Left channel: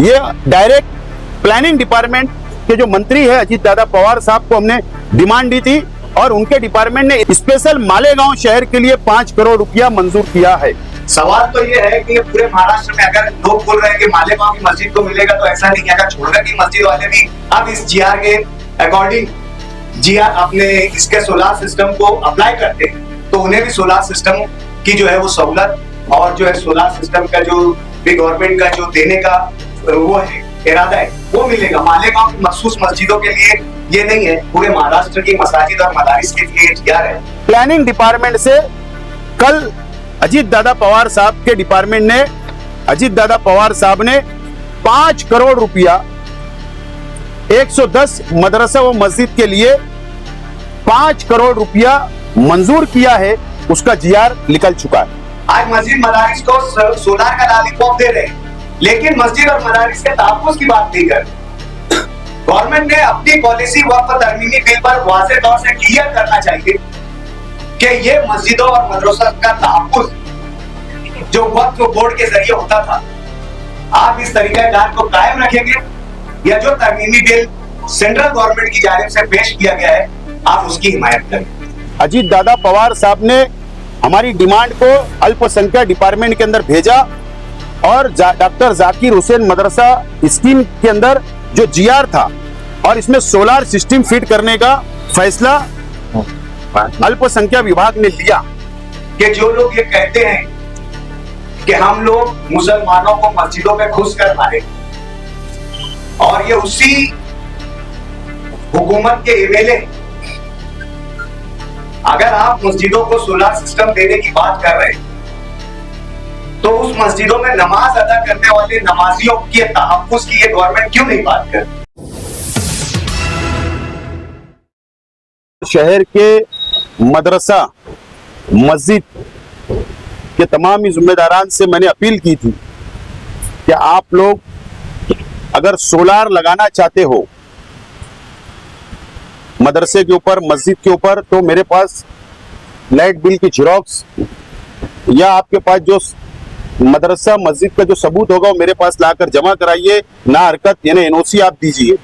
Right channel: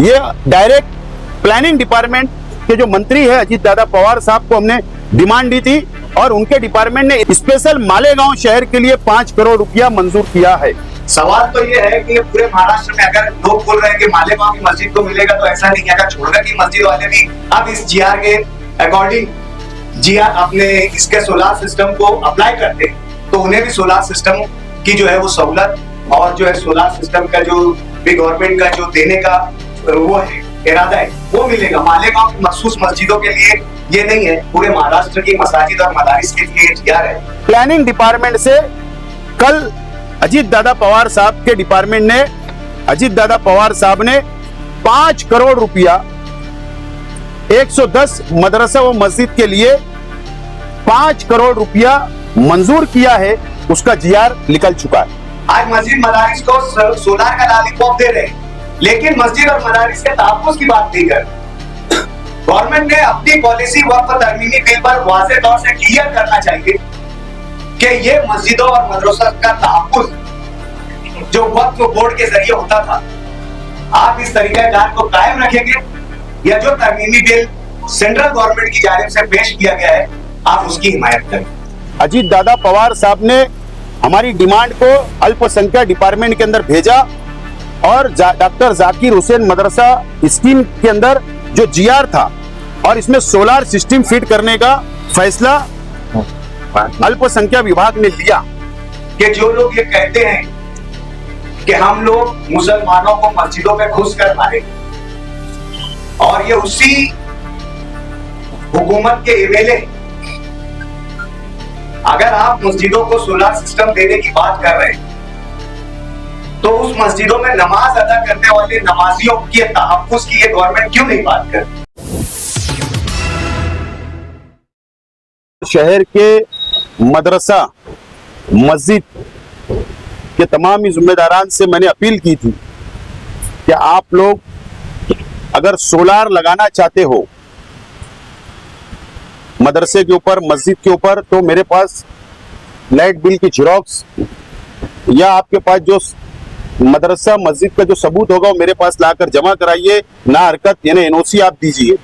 ये direct planning department के जो मंत्री है अजीत दादा पवार साहब को हमने डिमांड दी थी और उनके डिपार्टमेंट ने स्पेशल मालेगांव शहर के लिए 5 करोड़ रुपया मंजूर किया है। सवाल तो ये है कि पूरे महाराष्ट्र में अगर लोग बोल रहे हैं कि मालेगांव की मस्जिद को मिलेगा, तो ऐसा नहीं है। अगर छोड़कर की मस्जिद वाले भी अब इस जीआर के अकॉर्डिंग जीआर अपने इसके सोलार सिस्टम को अप्लाई करते हैं, तो उन्हें भी सोलार सिस्टम की जो है वो सहूलत और जो है सोलार सिस्टम का जो भी गवर्नमेंट का जो देने का वो है इरादा है वो मिलेगा। मालेगांव की मखसूस मस्जिदों के लिए ये नहीं है, पूरे महाराष्ट्र की मसाजिद और मदारिस के लिए जीआर है। प्लानिंग डिपार्टमेंट से कल अजीत दादा पवार साहब के डिपार्टमेंट ने अजीत दादा पवार साहब ने 5 करोड़ रुपया 110 मदरसा व मस्जिद के लिए 5 करोड़ रुपया मंजूर किया है। उसका जीआर निकल चुका है। आज मस्जिद मदारिस को सोलार का लॉलीपॉप दे रहे हैं, लेकिन मस्जिद और मदारिस के तहफ्फुज़ की बात नहीं कर रहे। गवर्नमेंट ने अपनी पॉलिसी वक्फ तरमीमी बिल पर वाज़ेह तौर से क्लियर करना चाहिए कि ये मस्जिदों और मदरसों का तहफ्फुज़ जो वक्फ बोर्ड के जरिए होता था, आप इस तरीकाकार को कायम रखेंगे या जो तरमीमी बिल सेंट्रल गवर्नमेंट की जानिब से पेश किया गया है आप उसकी हिमायत करें। अजीत दादा पवार साहब ने हमारी डिमांड को अल्पसंख्यक डिपार्टमेंट के अंदर भेजा और डॉक्टर जाकिर हुसैन मदरसा स्कीम के अंदर जो जीआर था और इसमें सोलार सिस्टम फिट करने का फैसला अल्पसंख्यक विभाग ने लिया। कि जो लोग ये कहते हैं कि हम लोग मुसलमानों को मस्जिदों में घुस कर मारे और ये उसी हुकूमत के एमएलए, अगर आप मस्जिदों को सोलार सिस्टम देने की बात कर रहे हैं तो उस मस्जिदों में नमाज अदा करने वाले नमाजियों के तहफ्फुज़ की ये गवर्नमेंट क्यों नहीं बात कर? शहर के मदरसा मस्जिद के तमाम जिम्मेदारान से मैंने अपील की थी कि आप लोग अगर सोलार लगाना चाहते हो मदरसे के ऊपर मस्जिद के ऊपर, तो मेरे पास लाइट बिल की जेरॉक्स या आपके पास जो मदरसा मस्जिद का जो सबूत होगा वो मेरे पास लाकर जमा कराइए। ना हरकत यानी एनओसी आप दीजिए।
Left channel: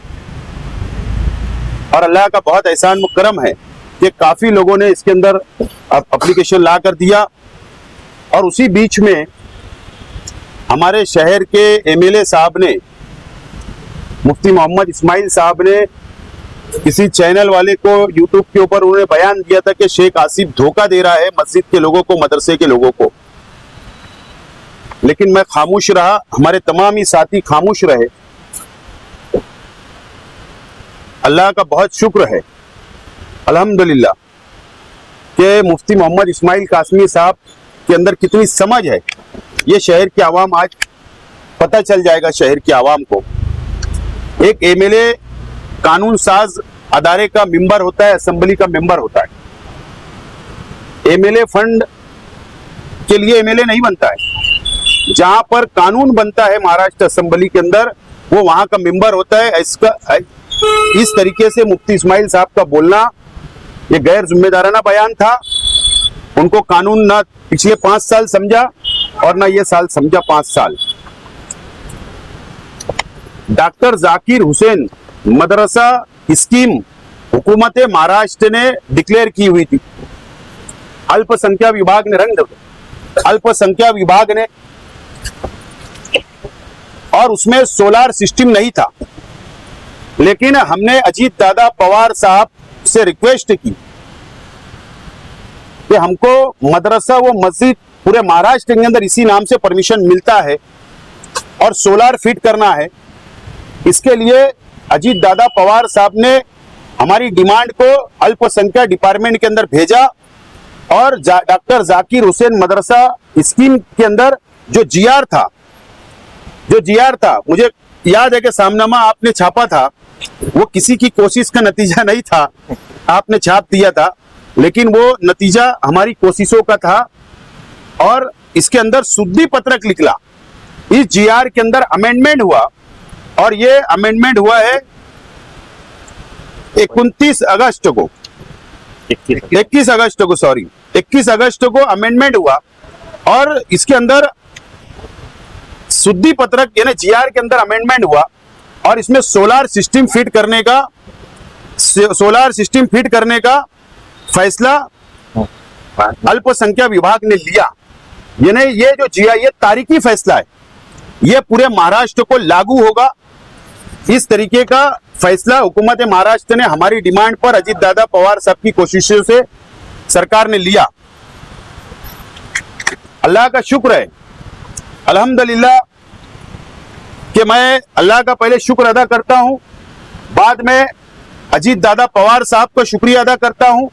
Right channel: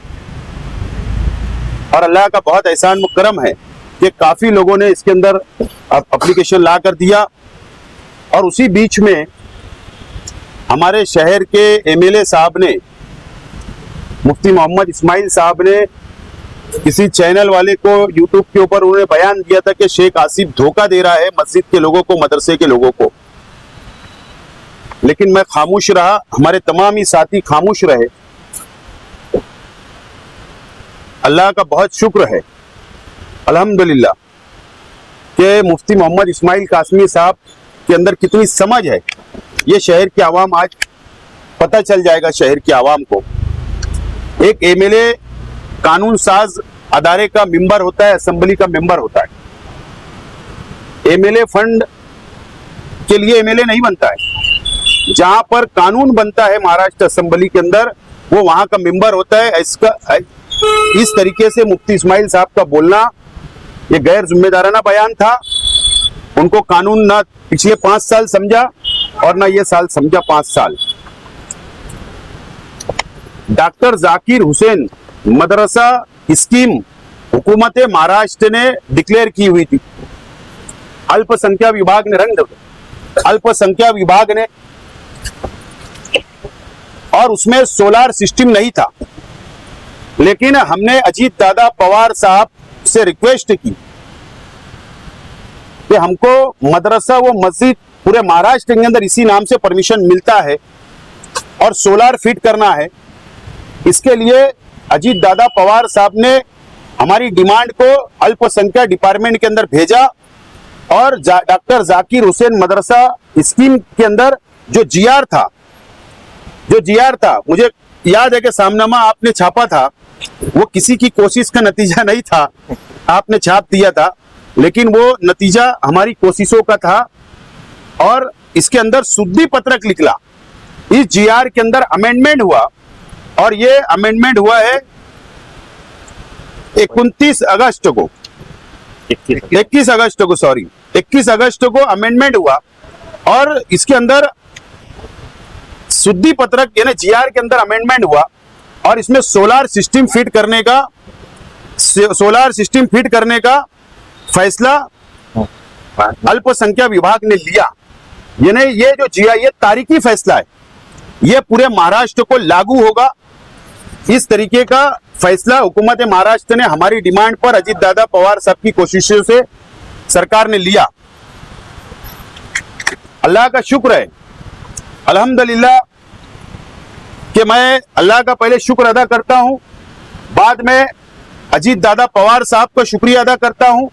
और अल्लाह का बहुत एहसान व करम है कि काफी लोगों ने इसके अंदर एप्लीकेशन ला कर दिया। और उसी बीच में हमारे शहर के एमएलए साहब ने, मुफ्ती मोहम्मद इस्माइल साहब ने किसी चैनल वाले को यूट्यूब के ऊपर उन्होंने बयान दिया था कि शेख आसिफ धोखा दे रहा है मस्जिद के लोगों को, मदरसे के लोगों को। लेकिन मैं खामोश रहा, हमारे तमाम ही साथी खामोश रहे। अल्लाह का बहुत शुक्र है अल्हम्दुलिल्लाह कि मुफ्ती मोहम्मद इस्माइल कासमी साहब के अंदर कितनी समझ है, ये शहर की आवाम आज पता चल जाएगा। शहर की आवाम को एक एमएलए कानून साज अदारे का मेंबर होता है, असेंबली का मेंबर होता है। एमएलए फंड के लिए एमएलए नहीं बनता है। जहां पर कानून बनता है महाराष्ट्र असेंबली के अंदर, वो वहां का मेंबर होता है। इस तरीके से मुफ्ती इस्माइल साहब का बोलना ये गैर जिम्मेदाराना बयान था। उनको कानून ना पिछले 5 साल समझा और ना ये साल समझा 5 साल। डॉक्टर जाकिर हुसैन मदरसा स्कीम हुकूमत महाराष्ट्र ने डिक्लेयर की हुई थी। अल्पसंख्यक विभाग ने अल्पसंख्यक विभाग ने, और उसमें सोलार सिस्टम नहीं था। लेकिन हमने अजीत दादा पवार साहब से रिक्वेस्ट की तो हमको मदरसा व मस्जिद पूरे महाराष्ट्र के अंदर इसी नाम से परमिशन मिलता है और सोलार फिट करना है। इसके लिए अजीत दादा पवार साहब ने हमारी डिमांड को अल्पसंख्यक डिपार्टमेंट के अंदर भेजा और डॉक्टर जाकिर हुसैन मदरसा स्कीम के अंदर जो जीआर था, मुझे याद है कि सामनामा आपने छापा था, वो किसी की कोशिश का नतीजा नहीं था, आपने छाप दिया था, लेकिन वो नतीजा हमारी कोशिशों का था। और इसके अंदर शुद्धि पत्रक निकला। इस जीआर के अंदर अमेंडमेंट हुआ और ये अमेंडमेंट हुआ है 21 अगस्त को 21 अगस्त को अमेंडमेंट हुआ और इसके अंदर शुद्धि पत्रक यानी जीआर के अंदर अमेंडमेंट हुआ और इसमें सोलार सिस्टम फिट करने का फैसला अल्पसंख्यक विभाग ने लिया। यानी ये जो जीआर ये तारीखी फैसला है, ये पूरे महाराष्ट्र को लागू होगा। इस तरीके का फैसला हुकूमत महाराष्ट्र ने हमारी डिमांड पर अजीत दादा पवार साहब की कोशिशों से सरकार ने लिया। अल्लाह का शुक्र है, अल्हम्दुलिल्लाह, कि मैं अल्लाह का पहले शुक्र अदा करता हूं, बाद में अजीत दादा पवार साहब का शुक्रिया अदा करता हूं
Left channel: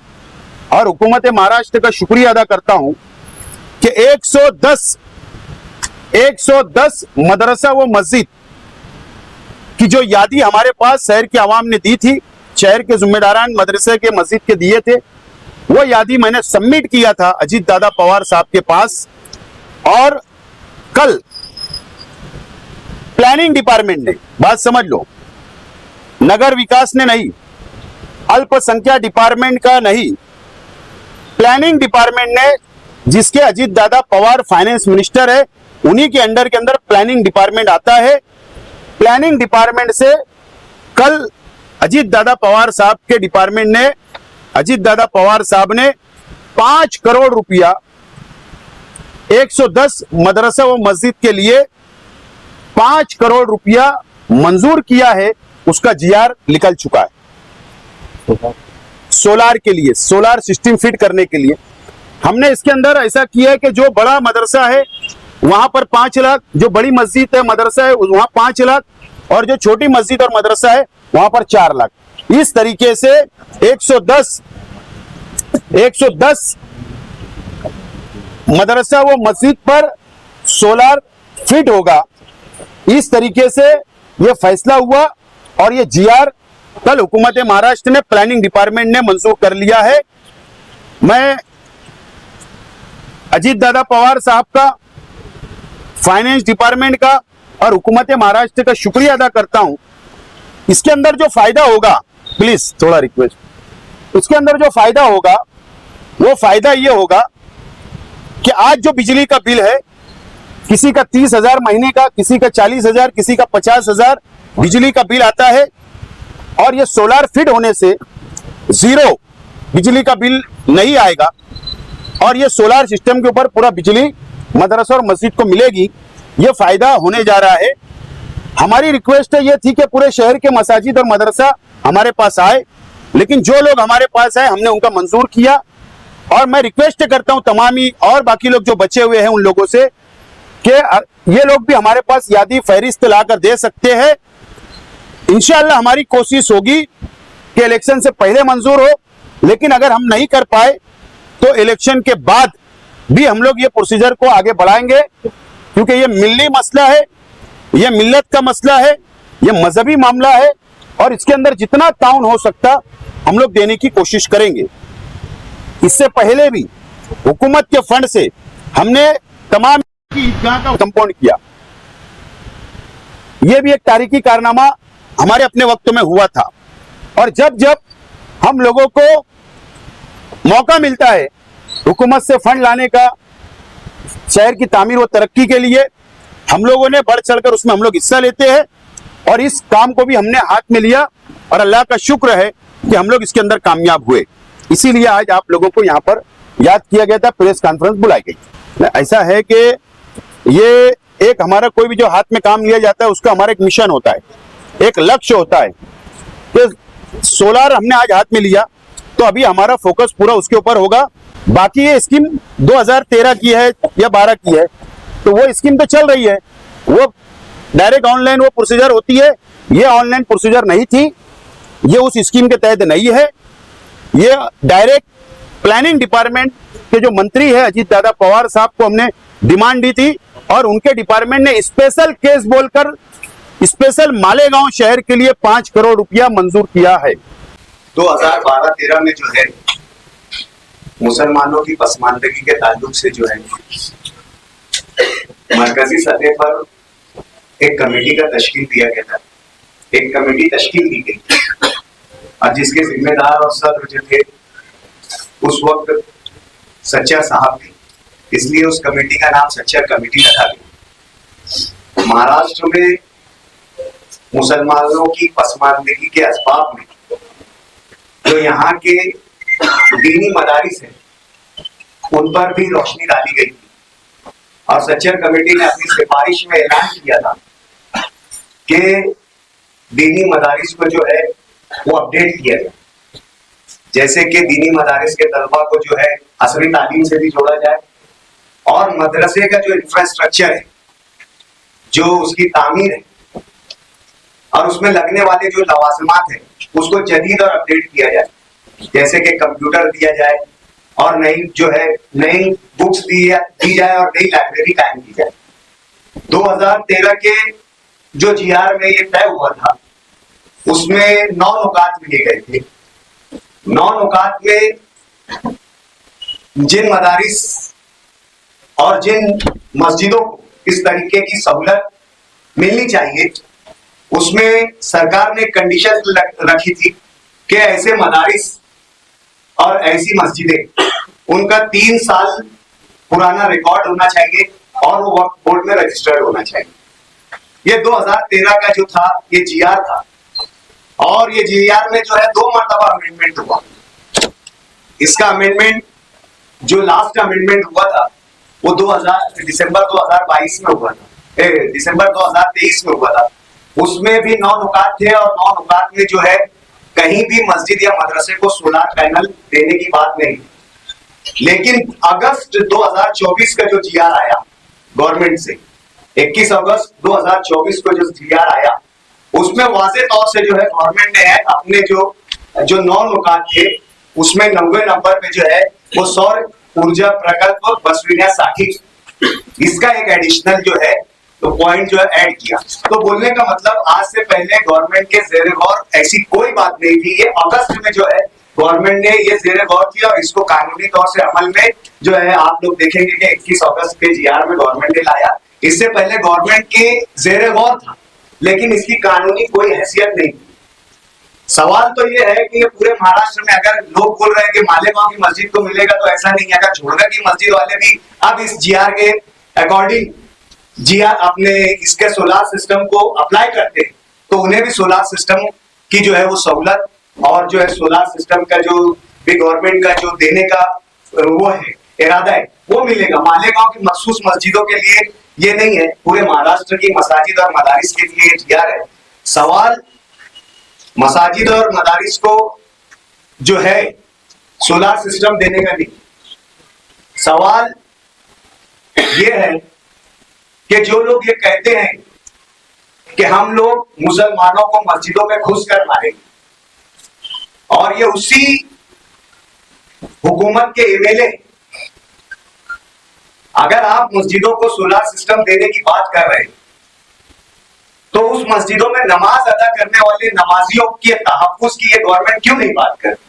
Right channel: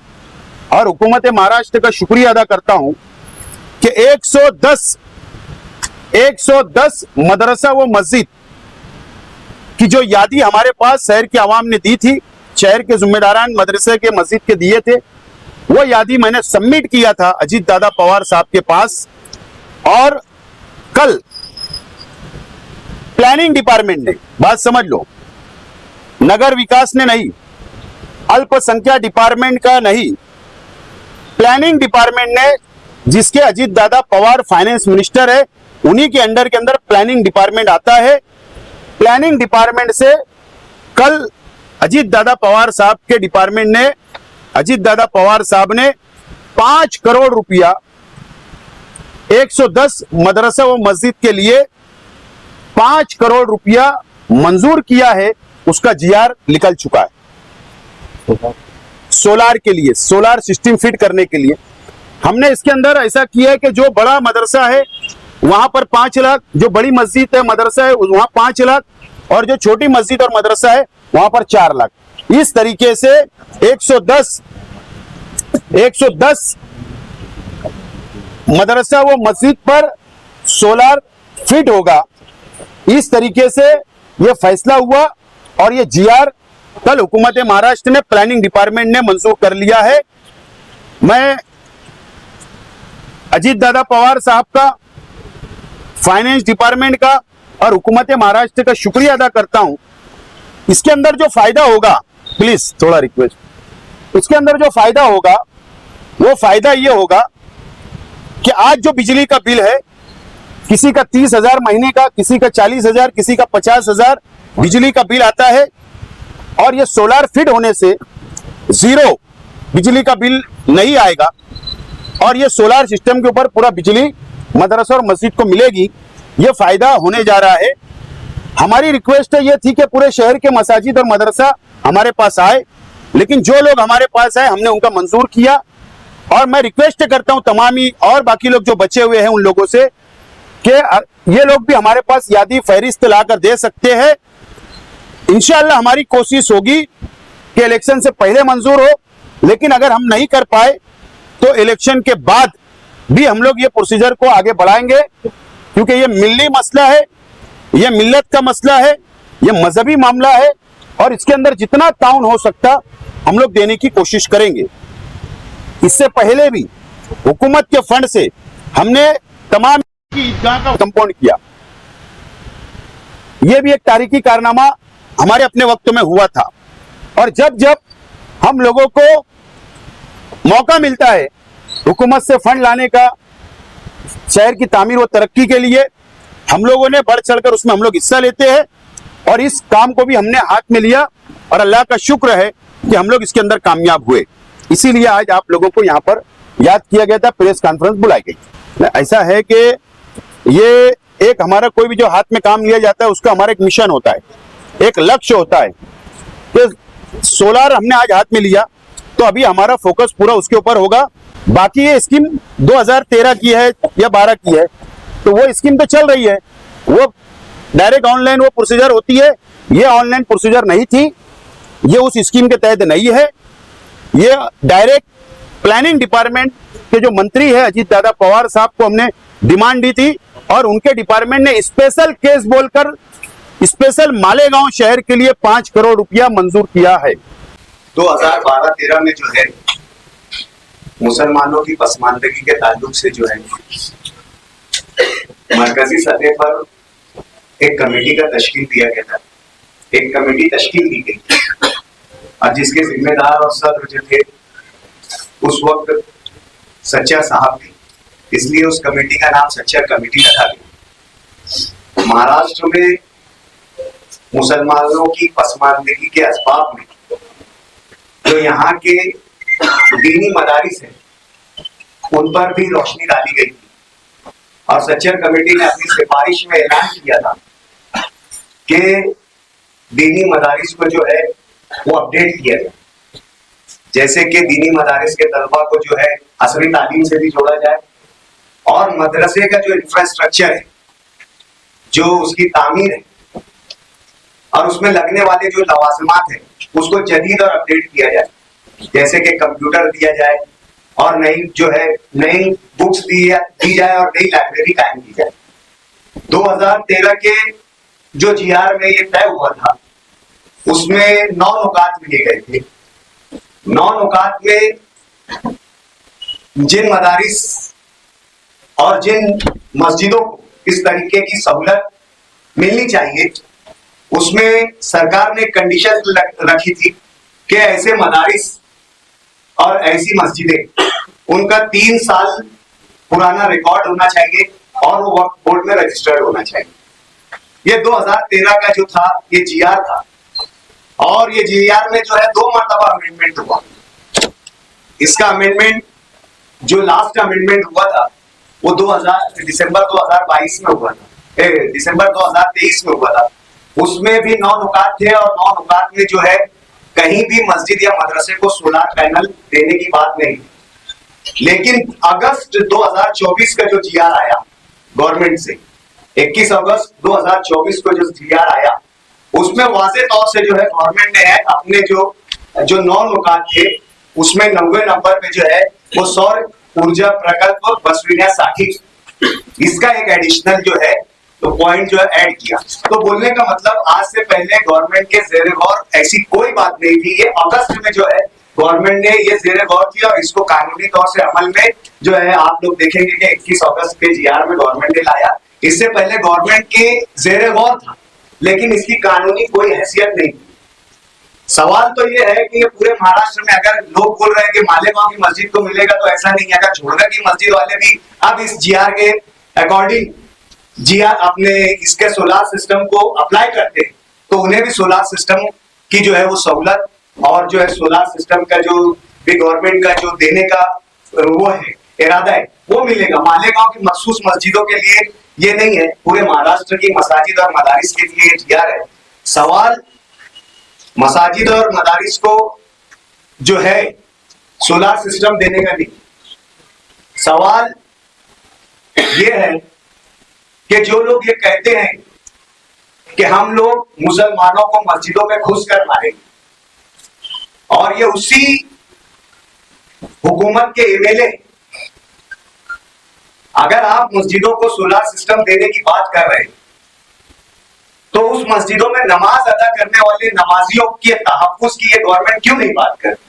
और हुकूमत महाराष्ट्र का शुक्रिया अदा करता हूं कि 110 मदरसा व मस्जिद की जो यादी हमारे पास शहर की आवाम ने दी थी, शहर के जिम्मेदारान मदरसे के मस्जिद के दिए थे, वो यादी मैंने सबमिट किया था अजीत दादा पवार साहब के पास। और कल प्लानिंग डिपार्टमेंट ने, बात समझ लो, नगर विकास ने नहीं, अल्पसंख्यक डिपार्टमेंट का नहीं, प्लानिंग डिपार्टमेंट ने, जिसके अजीत दादा पवार फाइनेंस मिनिस्टर है, उन्हीं के अंडर के अंदर प्लानिंग डिपार्टमेंट आता है। प्लानिंग डिपार्टमेंट से कल अजीत दादा पवार साहब के डिपार्टमेंट ने, अजीत दादा पवार साहब ने 5 करोड़ रुपया 110 मदरसा व मस्जिद के लिए 5 करोड़ रुपया मंजूर किया है। उसका जीआर निकल चुका है सोलार के लिए, सोलार सिस्टम फिट करने के लिए। हमने इसके अंदर ऐसा किया है कि जो बड़ा मदरसा है वहां पर 5 लाख, जो बड़ी मस्जिद है मदरसा है वहां 5 लाख, और जो छोटी मस्जिद और मदरसा है वहां पर 4 लाख। इस तरीके से 110 मदरसा व मस्जिद पर सोलार फिट होगा। इस तरीके से यह फैसला हुआ और ये जीआर कल हुकूमत महाराष्ट्र ने, प्लानिंग डिपार्टमेंट ने मंजूर कर लिया है। मैं अजीत दादा पवार साहब का, फाइनेंस डिपार्टमेंट का और हुकूमत महाराष्ट्र का शुक्रिया अदा करता हूं। इसके अंदर जो फायदा होगा, प्लीज थोड़ा रिक्वेस्ट, इसके अंदर जो फायदा होगा वो फायदा ये होगा कि आज जो बिजली का बिल है, किसी का 30,000 महीने का, किसी का 40,000, किसी का 50,000 बिजली का बिल आता है, और ये सोलार फिट होने से जीरो बिजली का बिल नहीं आएगा और ये सोलार सिस्टम के ऊपर पूरा बिजली मदरसा और मस्जिद को मिलेगी। ये फायदा होने जा रहा है। हमारी रिक्वेस्ट ये थी कि पूरे शहर के मसाजिद और मदरसा हमारे पास आए, लेकिन जो लोग हमारे पास आए हमने उनका मंजूर किया। और मैं रिक्वेस्ट करता हूं तमाम ही और बाकी लोग जो बचे हुए हैं उन लोगों से कि ये लोग भी हमारे पास यादी फहरिस्त लाकर दे सकते हैं। इंशाअल्लाह हमारी कोशिश होगी कि इलेक्शन से पहले मंजूर हो, लेकिन अगर हम नहीं कर पाए तो इलेक्शन के बाद भी हम लोग ये प्रोसीजर को आगे बढ़ाएंगे, क्योंकि ये मिल्ली मसला है, ये मिल्लत का मसला है, ये मजहबी मामला है और इसके अंदर जितना ताउन हो सकता हम लोग देने की कोशिश करेंगे। इससे पहले भी हुकूमत के फंड से हमने तमाम ईदगाह का कंपाउंड किया। यह भी एक तारीखी कारनामा हमारे अपने वक्त में हुआ था। और जब जब हम लोगों को मौका मिलता है हुकूमत से फंड लाने का शहर की तामीर व तरक्की के लिए, हम लोगों ने बढ़ चढ़कर उसमें हम लोग हिस्सा लेते हैं और इस काम को भी हमने हाथ में लिया और अल्लाह का शुक्र है कि हम लोग इसके अंदर कामयाब हुए। इसीलिए आज आप लोगों को यहाँ पर याद किया गया था, प्रेस कॉन्फ्रेंस बुलाई गई। ऐसा है कि ये एक हमारा कोई भी जो हाथ में काम लिया जाता है उसका हमारा एक मिशन होता है, एक लक्ष्य होता है कि सोलार हमने आज हाथ में लिया तो अभी हमारा फोकस पूरा उसके ऊपर होगा। बाकी ये स्कीम 2013 की है या 12 की है, तो वो स्कीम तो चल रही है, वो डायरेक्ट ऑनलाइन वो प्रोसीजर होती है। ये ऑनलाइन प्रोसीजर नहीं थी, ये उस स्कीम के तहत नहीं है। ये डायरेक्ट प्लानिंग डिपार्टमेंट के जो मंत्री है अजीत दादा पवार साहब को हमने डिमांड दी थी और उनके डिपार्टमेंट ने स्पेशल केस बोलकर स्पेशल मालेगांव शहर के लिए 5 करोड़ रुपया मंजूर किया है। 2012-13 में जो है मुसलमानों की पसमानदगी के ताल्लुक से जो है अब जिसके जिम्मेदार और सदर जो थे उस वक्त सच्चा साहब, इसलिए उस कमेटी का नाम सच्चा कमेटी रखा गया। महाराष्ट्र में मुसलमानों की पसमानदगी के असबाब में जो यहाँ के दीनी मदारिस हैं उन पर भी रोशनी डाली गई थी और सच्चर कमेटी ने अपनी सिफारिश में ऐलान किया था कि दीनी मदारिस को जो है वो अपडेट किया जाए, जैसे कि दीनी मदारिस के तलबा को जो है असली तालीम से भी जोड़ा जाए और मदरसे का जो इंफ्रास्ट्रक्चर है, जो उसकी तामीर है और उसमें लगने वाले जो लवाजमात है उसको जदीद और अपडेट किया जाए, जैसे कि कंप्यूटर दिया जाए और नई जो है नई बुक्स दी जाए और नई लाइब्रेरी कायम की जाए। 2013 के जो जीआर में ये तय हुआ था उसमें 9 नुकात लिए गए थे। 9 नुकात में जिन मदारिस और जिन मस्जिदों को इस तरीके की सहूलत मिलनी चाहिए उसमें सरकार ने कंडीशन रखी थी कि ऐसे मदारिस और ऐसी मस्जिदें उनका 3 साल पुराना रिकॉर्ड होना चाहिए और वो वक्फ बोर्ड में रजिस्टर्ड होना चाहिए। ये 2013 का जो था ये जीआर था और ये जीआर में जो है 2 मरतबा अमेंडमेंट हुआ। इसका अमेंडमेंट जो लास्ट अमेंडमेंट हुआ था वो दिसंबर 2022 में हुआ था, दिसंबर 2023 में हुआ था। उसमें भी 9 नुकात थे और 9 नुकात में जो है कहीं भी मस्जिद या मदरसे को सोलर पैनल देने की बात नहीं। लेकिन अगस्त 2024 का जो जीआर आया गवर्नमेंट से, 21 अगस्त 2024 को जो जीआर आया उसमें वाज़ेह तौर से जो है गवर्नमेंट ने अपने जो 9 नुकात थे उसमें 90 नंबर पे जो है वो सौर ऊर्जा प्रकल्प बसविनिया साठी इसका एक एडिशनल जो है तो पॉइंट जो है ऐड किया। तो बोलने का मतलब आज से पहले गवर्नमेंट के ज़ेरे गौर ऐसी कोई बात नहीं थी। ये अगस्त में जो है गवर्नमेंट ने ये ज़ेरे गौर किया और इसको कानूनी तौर से अमल में जो है आप लोग देखेंगे कि 21 अगस्त के जीआर में गवर्नमेंट ने लाया। इससे पहले गवर्नमेंट के ज़ेरे गौर था लेकिन इसकी कानूनी कोई हैसियत नहीं। सवाल तो ये है कि ये पूरे महाराष्ट्र में अगर लोग बोल रहे हैं कि मालेगांव की मस्जिद को मिलेगा तो ऐसा नहीं है। अगर झोड़गा की मस्जिद वाले भी अब इस जीआर के अकॉर्डिंग जीआर अपने इसके सोलार सिस्टम को अप्लाई करते हैं तो उन्हें भी सोलार सिस्टम की जो है वो सहूलत और जो है सोलार सिस्टम का जो भी गवर्नमेंट का जो देने का वो है इरादा है वो मिलेगा। मालेगांव की मखसूस मस्जिदों के लिए ये नहीं है, पूरे महाराष्ट्र की मसाजिद और मदारिस के लिए जीआर है। सवाल मसाजिद और मदारिस को जो है सोलार सिस्टम देने का नहीं, सवाल ये है कि जो लोग ये कहते हैं कि हम लोग मुसलमानों को मस्जिदों में घुस कर मारेंगे और ये उसी हुकूमत के एमएलए, अगर आप मस्जिदों को सोलार सिस्टम देने की बात कर रहे हैं तो उस मस्जिदों में नमाज अदा करने वाले नमाजियों के तहफ्फुज़ की ये गवर्नमेंट क्यों नहीं बात करती?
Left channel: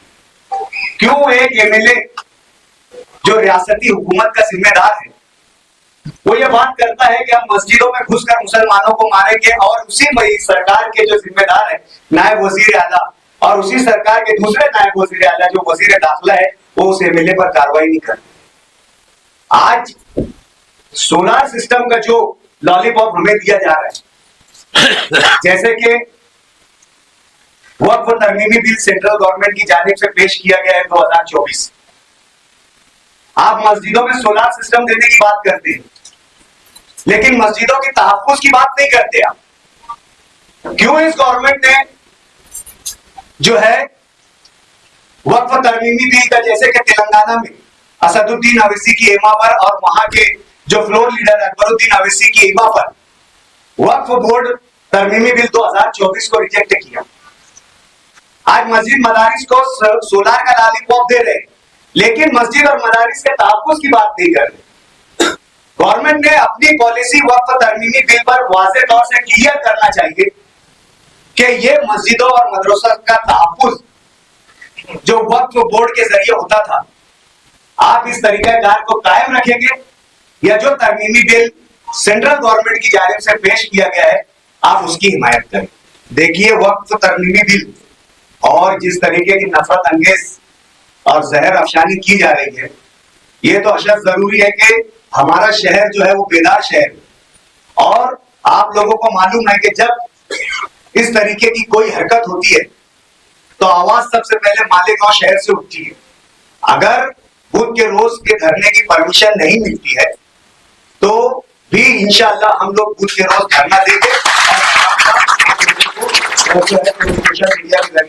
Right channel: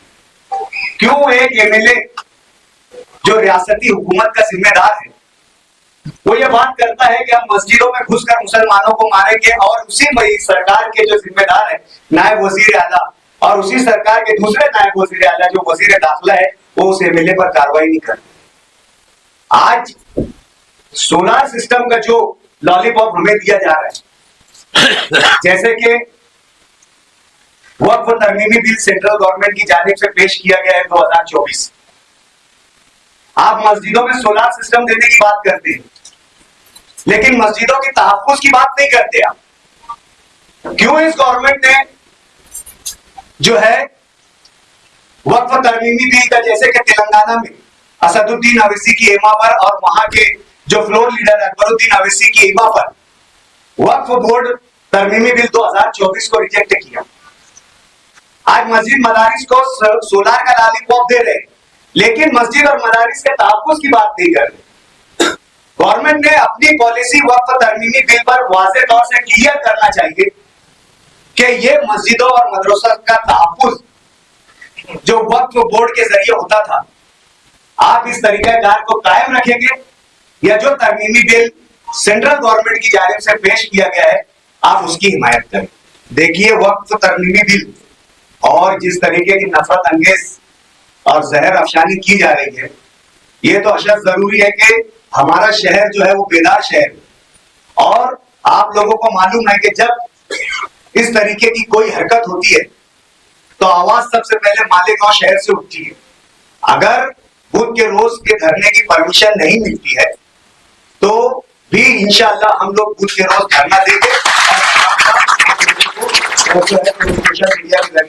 क्यों एक एमएलए जो रियासती हुकूमत का जिम्मेदार है वो ये बात करता है कि हम मस्जिदों में घुसकर मुसलमानों को मारेंगे और उसी सरकार के जो जिम्मेदार है नायब वजीर आला और उसी सरकार के दूसरे नायब वजीर आला जो वजीर दाखिला है वो उस एमएलए पर कार्रवाई नहीं करते। आज सोलार सिस्टम का जो लॉलीपॉप हमें दिया जा रहा है, जैसे कि वक्फ तरमीमी बिल सेंट्रल गवर्नमेंट की जानिब से पेश किया गया है 2024, आप मस्जिदों में सोलार सिस्टम देने की बात करते हैं लेकिन मस्जिदों के तहफ्फुज़ की बात नहीं करते आप। क्यों इस गवर्नमेंट ने जो है वक्फ तरमीमी बिल का, जैसे कि तेलंगाना में असदुद्दीन अवैसी की इमा पर और वहां के जो फ्लोर लीडर अकबरुद्दीन अवैसी की इमा पर वक्फ बोर्ड तरमीमी बिल 2024 को रिजेक्ट किया। आज मस्जिद मदारिस को सोलार का लॉलीपॉप दे रहे लेकिन मस्जिद और मदारिस के तहफ्फुज़ की बात नहीं कर रहे। गवर्नमेंट ने अपनी पॉलिसी वक्फ तरमीमी बिल पर वाज़ेह तौर से क्लियर करना चाहिए कि ये मस्जिदों और मदरसों के तहफ्फुज़ जो वक्फ बोर्ड के जरिए होता था आप इस तरीक़ेकार को कायम रखेंगे या जो तरमीमी बिल सेंट्रल गवर्नमेंट की जानिब से पेश किया गया है आप उसकी हिमायत करें। देखिए वक्फ तरमीमी बिल और जिस तरीके की नफरत अंगेज और जहर अफशानी की जा रही है ये तो अशद जरूरी है कि हमारा शहर जो है वो बेदार शहर और आप लोगों को मालूम है कि जब इस तरीके की कोई हरकत होती है तो आवाज सबसे पहले मालेगांव शहर से उठती है। अगर बुध के रोज के धरने की परमिशन नहीं मिलती है तो भी इंशाअल्लाह हम लोग बुध के रोज धरना देंगे और सोशल मीडिया पे